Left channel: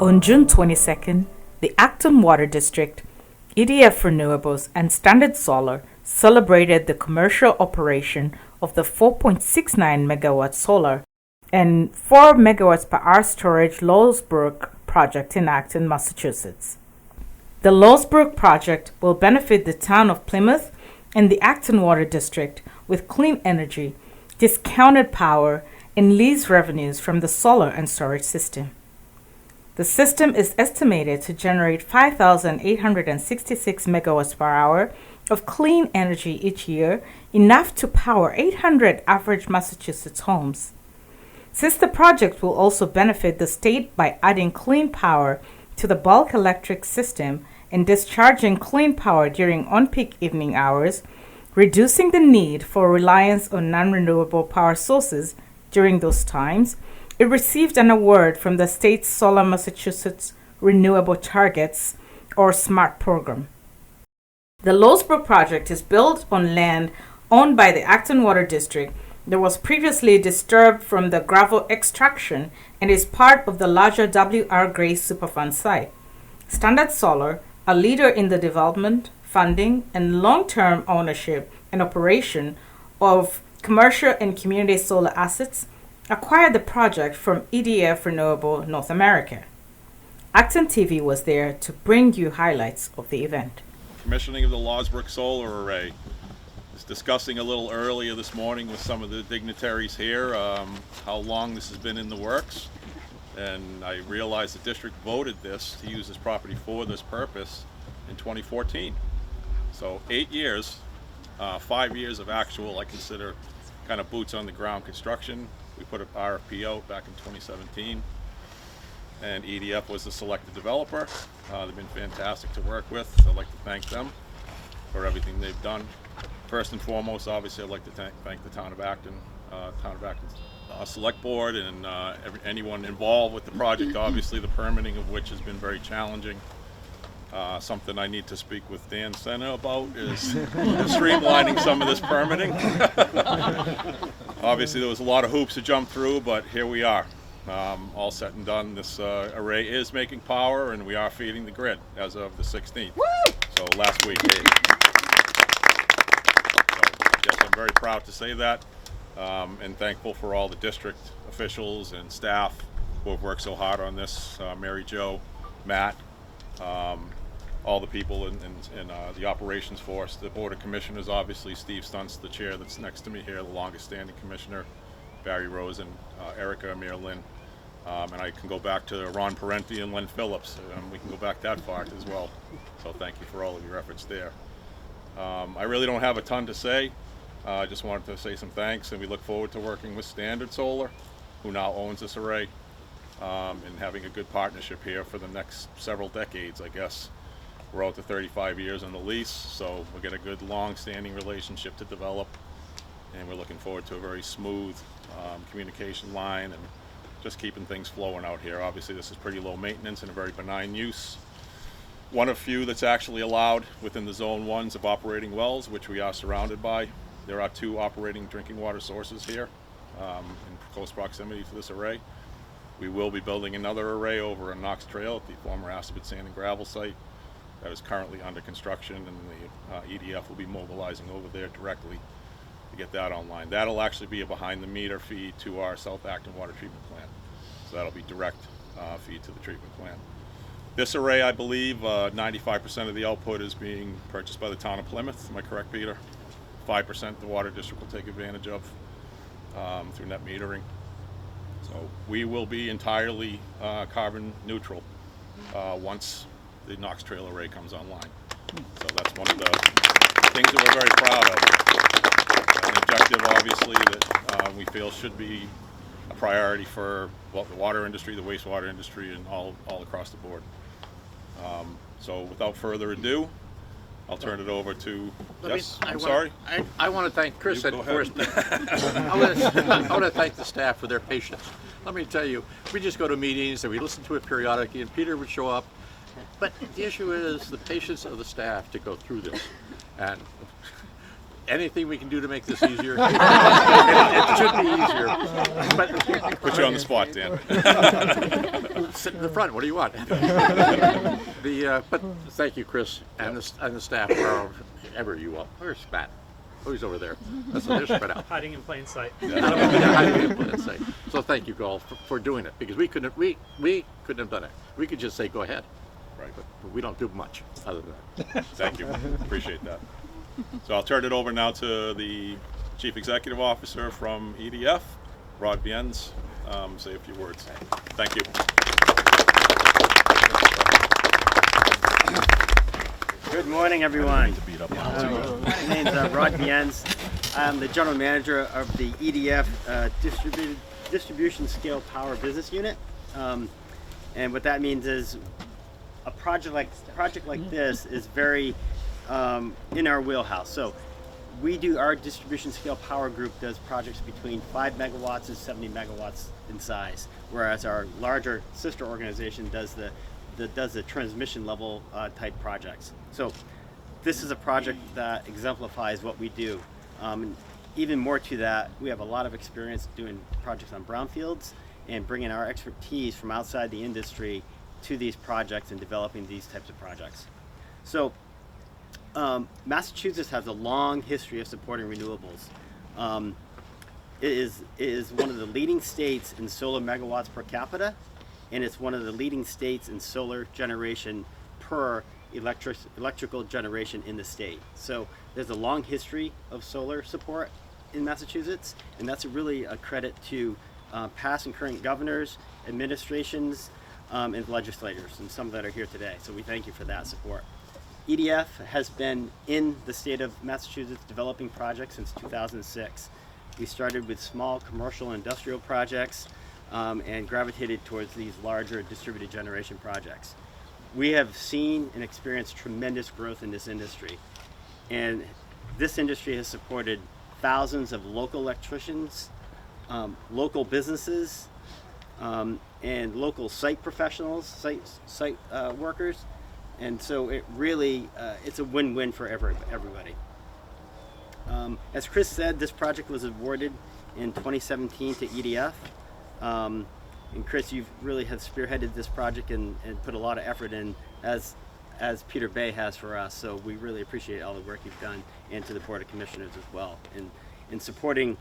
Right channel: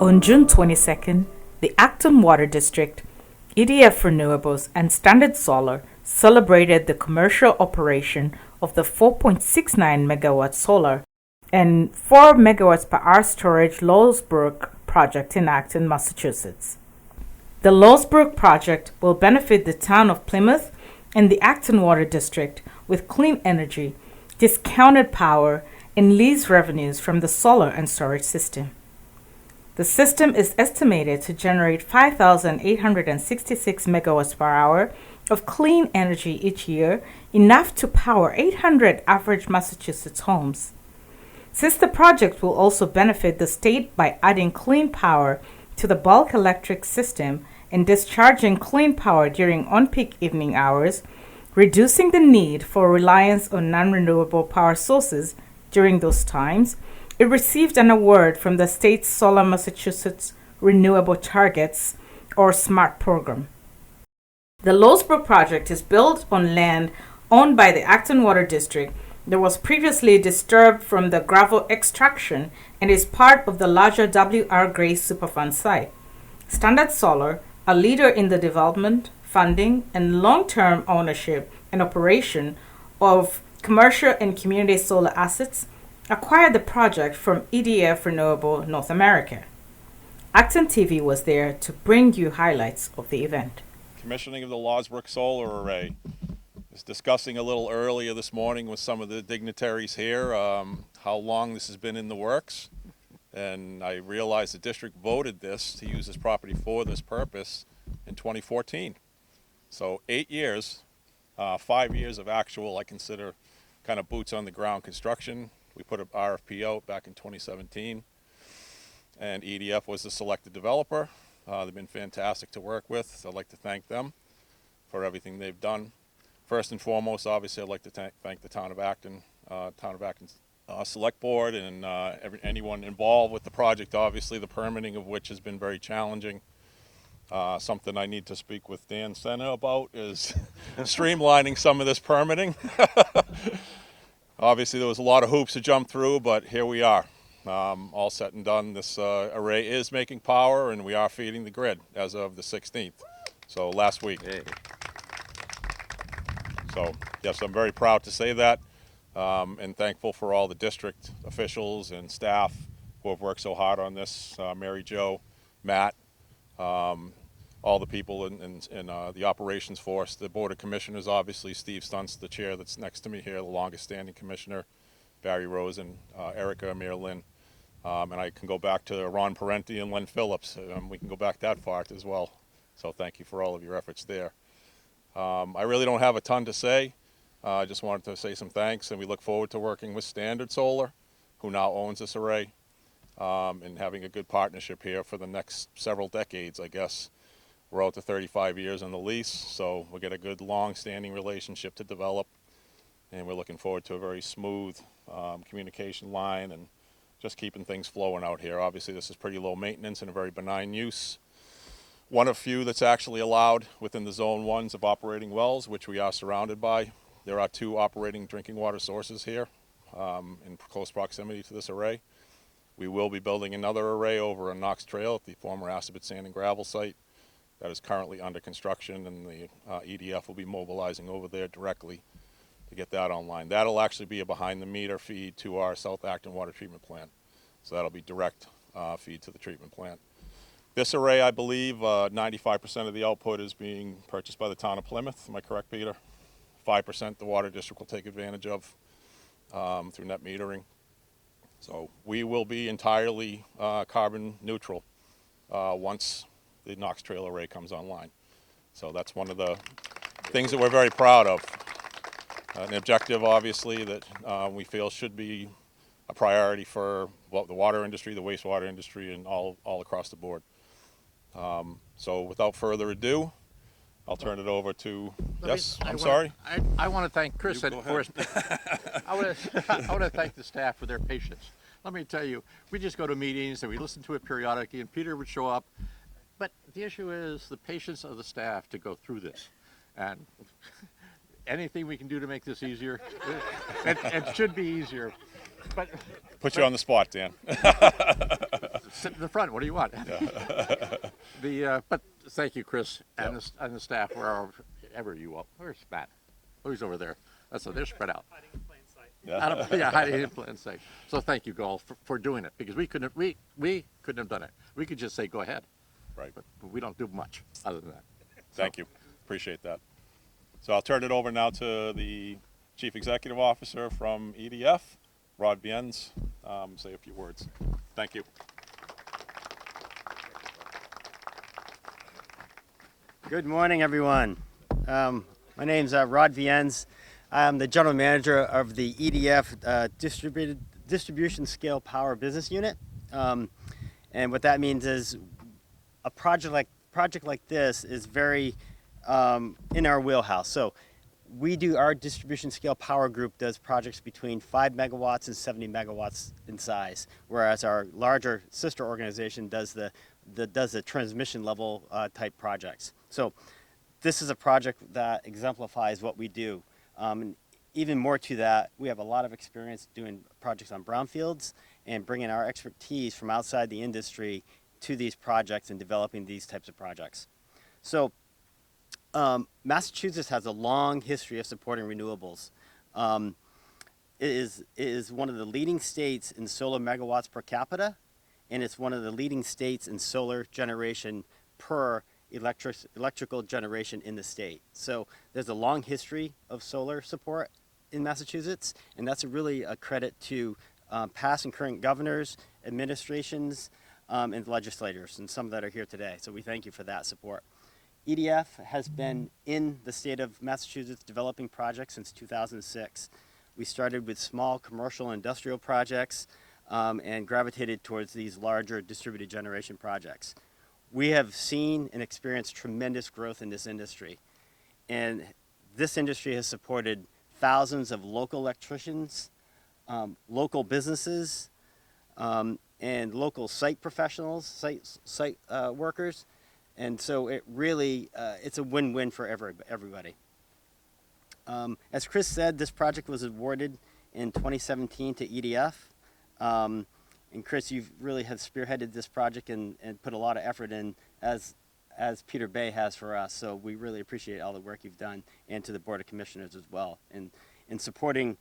On June 22nd, the Acton Water District, EDF Renewables, and Standard Solar celebrated the commercial operation of the 4.69 megawatt solar and 4 megawatts per hour storage Lawsbrook Project in Acton, Massachusetts. The Lawsbrook Project will benefit the town of Plymouth and the Acton Water District with clean energy, discounted power, and lease revenues from the solar and storage system. The system is estimated to generate 5,866 megawatts per hour of clean energy each year, enough to power 800 average Massachusetts homes. Since the project will also benefit the state by adding clean power to the bulk electric system and discharging clean power during on-peak evening hours, reducing the need for reliance on non-renewable power sources during those times, it received an award from the state's Solar Massachusetts Renewable Targets, or SMART program. The Lawsbrook project is built on land owned by the Acton Water District that was previously disturbed from the gravel extraction and is part of the larger W.R. Gray Superfund Site. Standard Solar, a leader in the development, funding, and long-term ownership and operation of commercial and community solar assets, acquired the project from EDF Renewables North America. ActonTV was there to bring you highlights of the event. Commissioning of the Lawsbrook Solar Array. I was discussing a little earlier this morning with some of the dignitaries here how long this has been in the works, and I realized the district voted this to use this property for this purpose in 2014. So 8 years, 5 years of actual, I consider, kind of boots on the ground construction. We put an RFP out back in 2017, and EDF was the selected developer. They've been fantastic to work with. I'd like to thank them for everything they've done. First and foremost, obviously, I'd like to thank the Town of Acton Select Board and anyone involved with the project. Obviously, the permitting of which has been very challenging. Something I need to speak with Dan Senna about is streamlining some of this permitting. Obviously, there was a lot of hoops to jump through, but here we are. All set and done. This array is making power, and we are feeding the grid as of the 16th. Woo! So last week. So yes, I'm very proud to say that, and thankful for all the district officials and staff who have worked so hard on this. Mary Jo, Matt, all the people in the operations force, the Board of Commissioners, obviously Steve Stuntz, the chair that's next to me here, the longest standing commissioner, Barry Rosen, Erica Amir Lynn, and I can go back to Ron Parenti and Len Phillips. We can go back that far as well. So thank you for all of your efforts there. I really don't have a ton to say. I just wanted to say some thanks, and we look forward to working with Standard Solar, who now owns this array, and having a good partnership here for the next several decades, I guess. We're out to 35 years on the lease, so we get a good long-standing relationship to develop, and we're looking forward to a very smooth communication line and just keeping things flowing out here. Obviously, this is pretty low maintenance and a very benign use. One of few that's actually allowed within the Zone 1s of operating wells, which we are surrounded by. There are 2 operating drinking water sources here in close proximity to this array. We will be building another array over in Knox Trail at the former Assabet Sand and Gravel site that is currently under construction, and the EDF will be mobilizing over there directly to get that online. That'll actually be a behind-the-meter feed to our South Acton Water Treatment Plant. So that'll be direct feed to the treatment plant. This array, I believe, 95% of the output is being purchased by the town of Plymouth. Am I correct, Peter? 5% the water district will take advantage of through net metering. So we will be entirely carbon neutral once the Knox Trail array comes online. So that's one of the things that we're very proud of. An objective, obviously, that we feel should be a priority for the water industry, the wastewater industry, and all across the board. So without further ado, I'll turn it over to, sorry? I want to thank Chris at first. I want to thank the staff for their patience. Let me tell you, we just go to meetings and we listen to it periodically, and Peter would show up. But the issue is the patience of the staff to go through this. And anything we can do to make this easier. It should be easier. But Put you on the spot, Dan. sit in the front. What do you want? But thank you, Chris, and the staff, wherever you are. Where's Pat? Oh, he's over there. They're spread out. Hiding in plain sight. Hiding in plain sight. So thank you all for doing it, because we couldn't have done it. We could just say go ahead, Right. but we don't do much other than that. Thank you. Appreciate that. So I'll turn it over now to the Chief Executive Officer from EDF, Viens, say a few words. Thank you. Good morning, everyone. My name's Viens. I'm the General Manager of the EDF Distribution Scale Power Business Unit. And what that means is a project like this is very in our wheelhouse. So our distribution scale power group does projects between 5 megawatts and 70 megawatts in size, whereas our larger sister organization does the transmission level type projects. So this is a project that exemplifies what we do. And even more to that, we have a lot of experience doing projects on brownfields and bringing our expertise from outside the industry to these projects and developing these types of projects. So Massachusetts has a long history of supporting renewables. It is one of the leading states in solar megawatts per capita, and it's one of the leading states in solar generation per electrical generation in the state. So there's a long history of solar support in Massachusetts, and that's really a credit to past and current governors, administrations, and legislators, and some that are here today. So we thank you for that support. EDF has been in the state of Massachusetts developing projects since 2006. We started with small commercial and industrial projects and gravitated towards these larger distributed generation projects. We have seen and experienced tremendous growth in this industry, and this industry has supported thousands of local electricians, local businesses, and local site professionals, site workers, and so it really it's a win-win for everybody. As Chris said, this project was awarded in 2017 to EDF. And Chris, you really have spearheaded this project and put a lot of effort in, as Peter Bay has for us. So we really appreciate all the work you've done, and to the Board of Commissioners as well, in supporting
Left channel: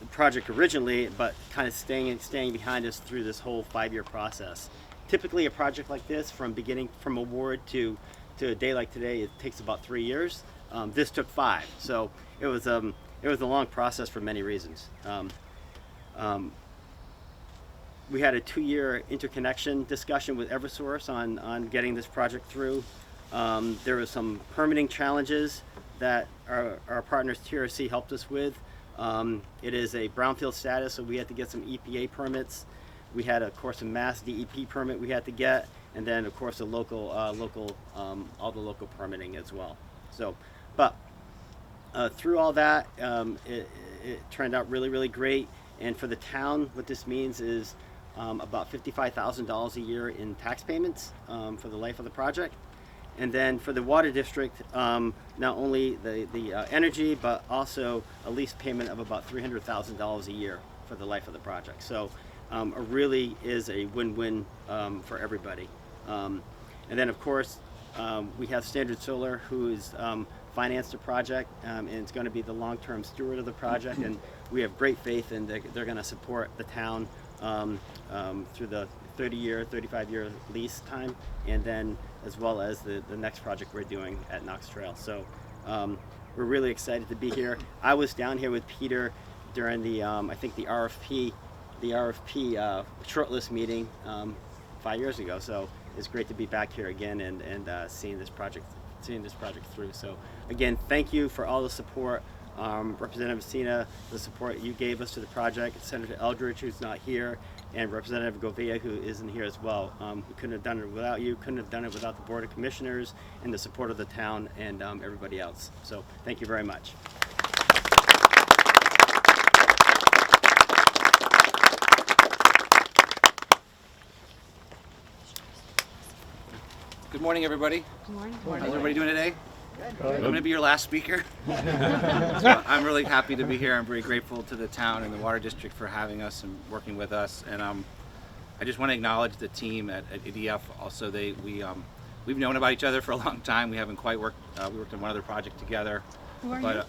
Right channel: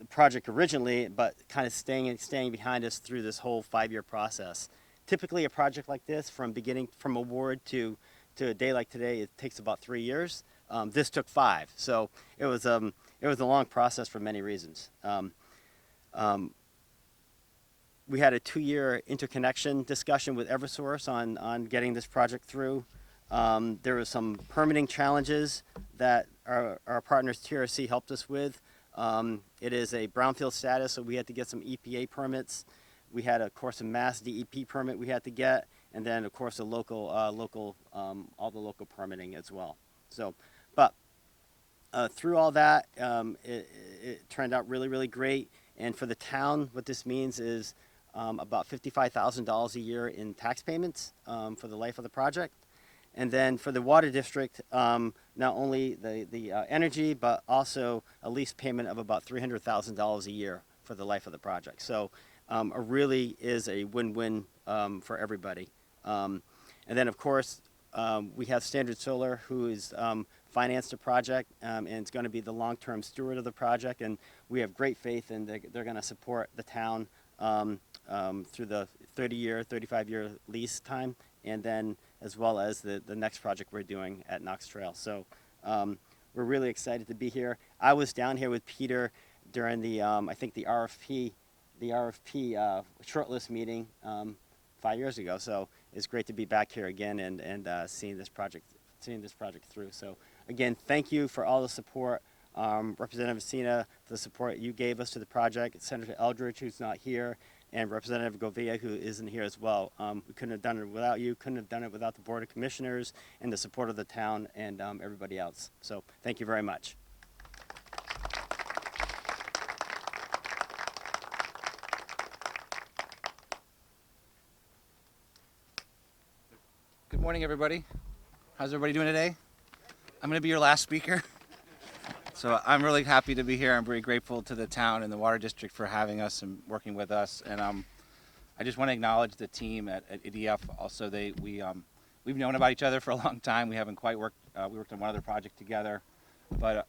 the project originally, but kind of staying behind us through this whole 5-year process. Typically, a project like this, from award to a day like today, it takes about 3 years. This took 5, so it was a long process for many reasons. We had a 2-year interconnection discussion with Eversource on getting this project through. There were some permitting challenges that our partners TRC helped us with. It is a brownfield status, so we had to get some EPA permits. We had, of course, a Mass DEP permit we had to get, and then, of course, all the local permitting as well. So, but through all that, it turned out really, really great. And for the town, what this means is about $55,000 a year in tax payments for the life of the project. And then for the water district, not only the energy, but also a lease payment of about $300,000 a year for the life of the project. So it really is a win-win for everybody. And then, of course, we have Standard Solar, who is financed the project, and it's going to be the long-term steward of the project. And we have great faith in they're going to support the town through the 30-year, 35-year lease time, and then as well as the next project we're doing at Knox Trail. So we're really excited to be here. I was down here with Peter during the I think the RFP shortlist meeting 5 years ago. So it's great to be back here again and seeing this project through. So again, thank you for all the support. Representative Messina, the support you gave us to the project, Senator Eldridge, who's not here, and Representative Govea, who isn't here as well. We couldn't have done it without you, couldn't have done it without the Board of Commissioners and the support of the town and everybody else. So thank you very much. Good morning, everybody. Good morning. How's everybody doing today? I'm going to be your last speaker. So I'm really happy to be here. I'm very grateful to the town and the Water District for having us and working with us. And I just want to acknowledge the team at EDF. Also, we've known about each other for a long time. We haven't quite worked. We worked on one other project together. Who are you? But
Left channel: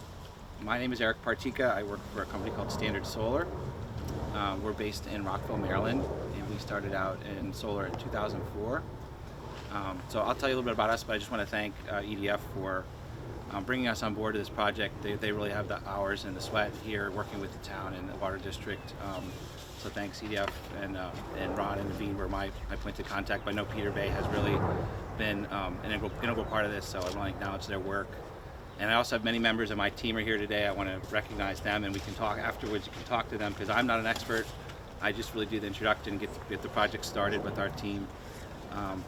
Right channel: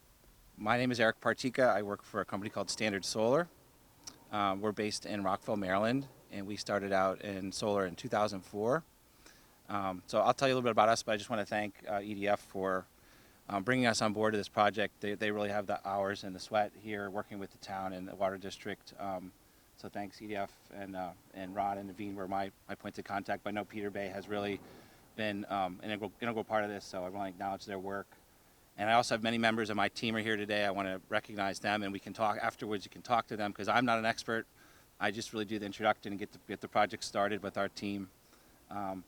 my name is Partyka. I work for a company called Standard Solar. We're based in Rockville, Maryland, and we started out in solar in 2004. So I'll tell you a little bit about us, but I just want to thank EDF for bringing us on board to this project. They really have the hours and the sweat here working with the town and the Water District. So thanks EDF and Ron and Viens were my point of contact. But I know Peter Bay has really been an integral part of this, so I want to acknowledge their work. And I also have many members of my team are here today. I want to recognize them, and we can talk afterwards. You can talk to them because I'm not an expert. I just really do the introduction, get the project started with our team.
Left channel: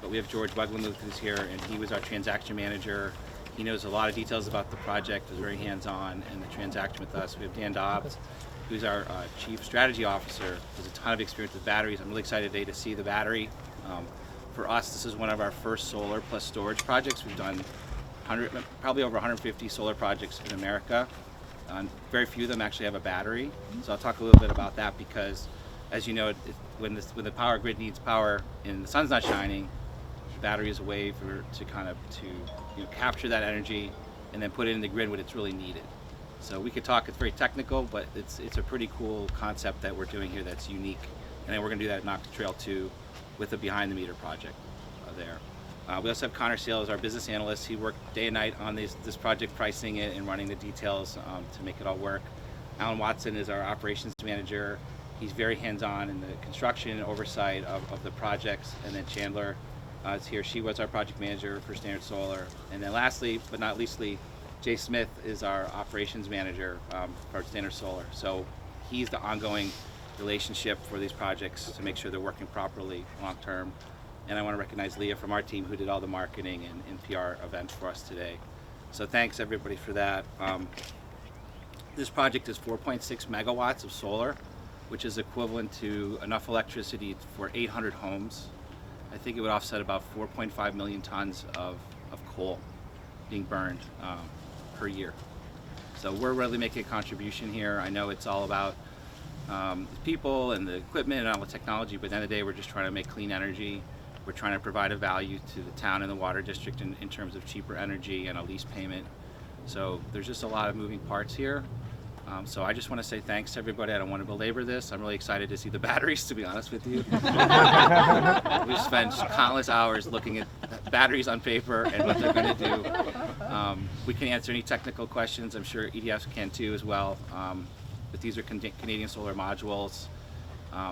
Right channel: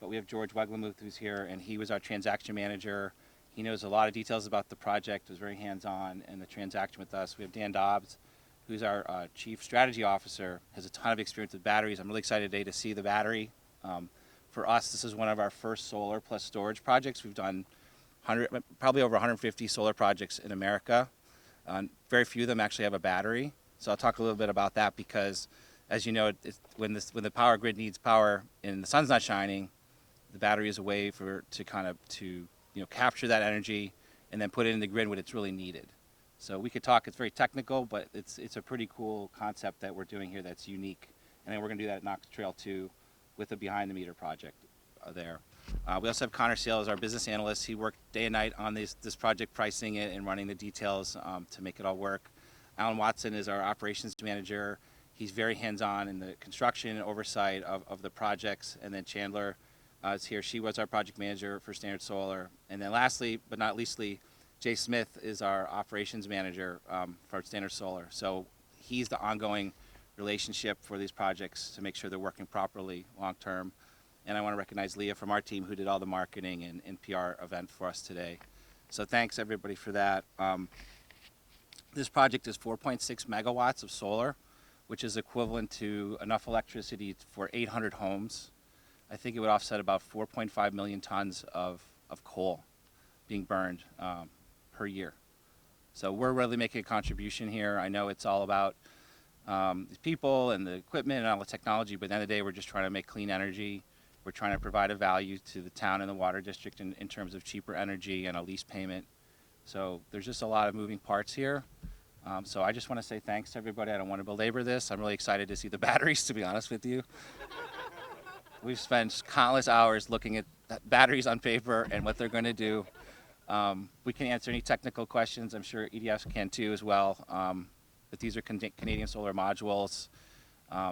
But we have George Weglenluth who's here, and he was our transaction manager. He knows a lot of details about the project, was very hands-on in the transaction with us. We have Dan Dobbs, who's our chief strategy officer, has a ton of experience with batteries. I'm really excited today to see the battery. For us, this is one of our first solar plus storage projects. We've done probably over 150 solar projects in America. Very few of them actually have a battery. So I'll talk a little bit about that because, as you know, when the power grid needs power and the sun's not shining, the battery is a way to capture that energy and then put it in the grid when it's really needed. So we could talk. It's very technical, but it's a pretty cool concept that we're doing here that's unique. And then we're going to do that at Knox Trail 2 with the behind the meter project there. We also have Connor Sale as our business analyst. He worked day and night on this project, pricing it and running the details to make it all work. Alan Watson is our operations manager. He's very hands-on in the construction and oversight of the projects. And then Chandler is here. She was our project manager for Standard Solar. And then lastly, but not leastly, Jay Smith is our operations manager for Standard Solar. So he's the ongoing relationship for these projects to make sure they're working properly long-term. And I want to recognize Leah from our team who did all the marketing and PR event for us today. So thanks everybody for that. This project is 4.6 megawatts of solar, which is equivalent to enough electricity for 800 homes. I think it would offset about 4.5 million tons of coal being burned per year. So we're really making a contribution here. I know it's all about the people and the equipment and all the technology, but at the end of the day, we're just trying to make clean energy. We're trying to provide a value to the town and the water district in terms of cheaper energy and a lease payment. So there's just a lot of moving parts here. So I just want to say thanks to everybody. I don't want to belabor this. I'm really excited to see the batteries, to be honest with you. We've spent countless hours looking at batteries on paper and what they're going to do. We can answer any technical questions. I'm sure EDF can too as well. But these are Canadian solar modules.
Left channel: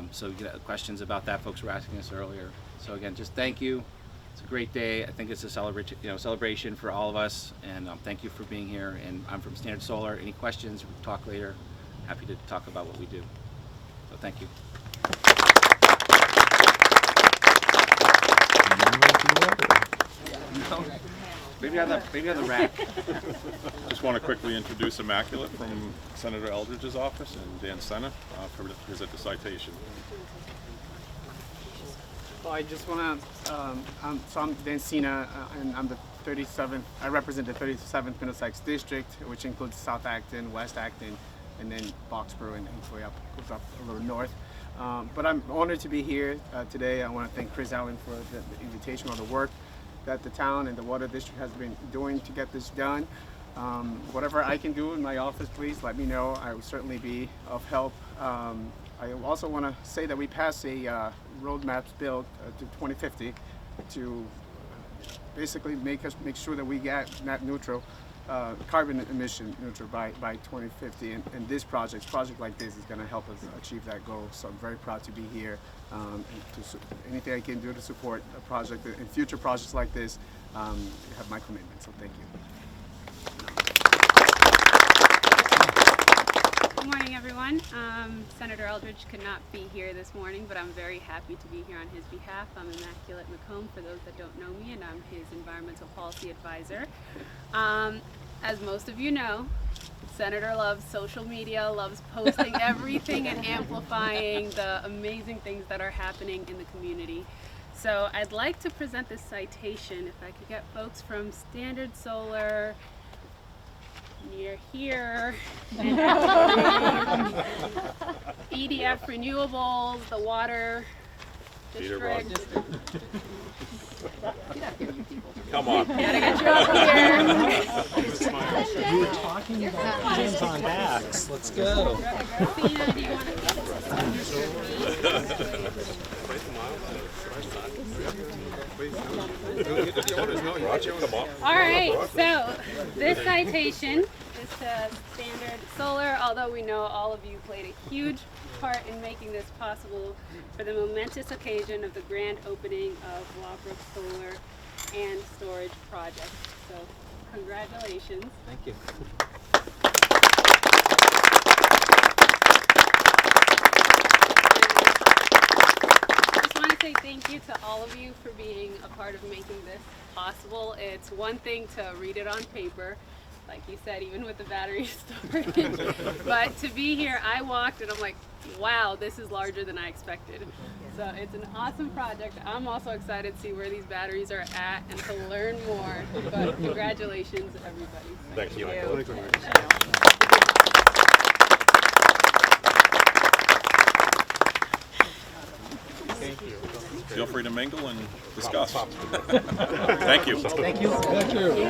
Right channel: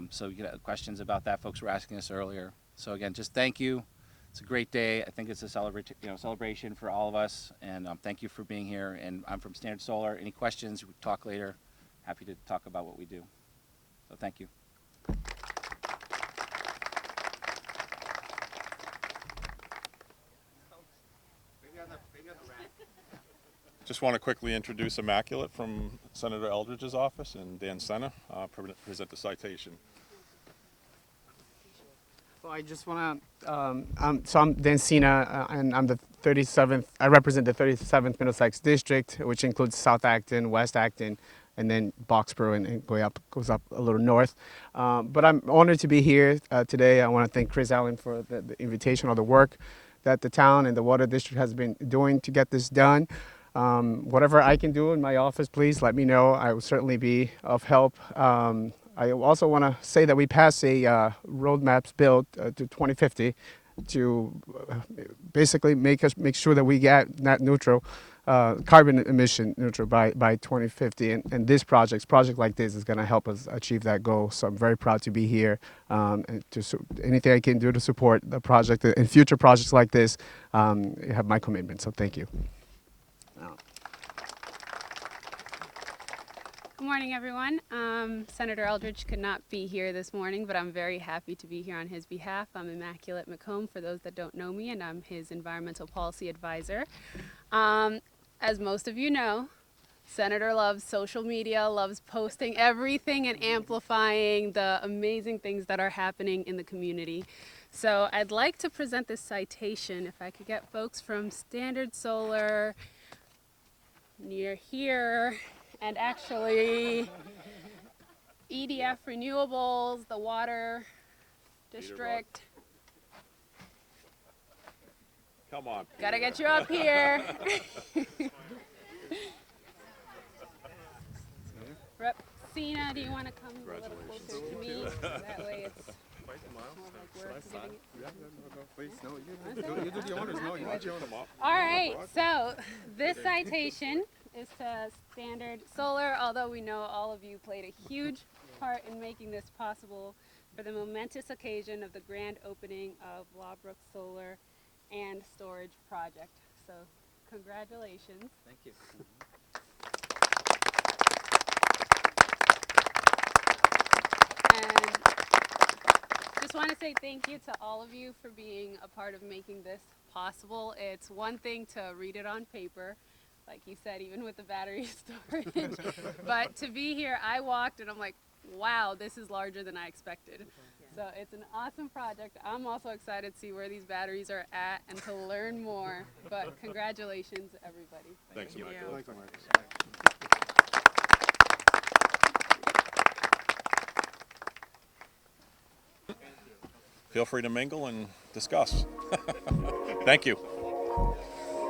So questions about that, folks were asking us earlier. So again, just thank you. It's a great day. I think it's a celebration for all of us, and thank you for being here. And I'm from Standard Solar. Any questions? We'll talk later. Happy to talk about what we do. So thank you. Maybe on the rack. Just want to quickly introduce Immaculate from Senator Eldridge's office and Dan Senna for visit the citation. Well, I just want to, so I'm Dan Senna, and I'm the 37th, I represent the 37th Middlesex District, which includes South Acton, West Acton, and then Boxborough, and goes up a little north. But I'm honored to be here today. I want to thank Chris Allen for the invitation, all the work that the town and the Water District has been doing to get this done. Whatever I can do in my office, please let me know. I will certainly be of help. I also want to say that we passed a roadmap build to 2050 to basically make sure that we get net neutral, carbon emission neutral by 2050. And this project like this is going to help us achieve that goal. So I'm very proud to be here, and anything I can do to support the project and future projects like this, you have my commitment. So thank you. Good morning, everyone. Senator Eldridge could not be here this morning, but I'm very happy to be here on his behalf. I'm Immaculate McComb, for those that don't know me, and I'm his environmental policy advisor. As most of you know, Senator loves social media, loves posting everything and amplifying the amazing things that are happening in the community. So I'd like to present this citation, if I could get folks from Standard Solar near here, and actually EDF Renewables, the Water District. Come on. Gotta get you up here. We were talking about hands on backs. Let's go. Athena, do you want to All right, so this citation is to Standard Solar, although we know all of you played a huge part in making this possible for the momentous occasion of the grand opening of Lawsbrook Solar and Storage Project. So, congratulations. Thank you. I just want to say thank you to all of you for being a part of making this possible. It's one thing to read it on paper, like you said, even with the battery storage, but to be here, I walked and I'm like, wow, this is larger than I expected. So it's an awesome project. I'm also excited to see where these batteries are at and to learn more. But congratulations, everybody. Thank you. Feel free to mingle and discuss. Thank you. Thank you. Thank you.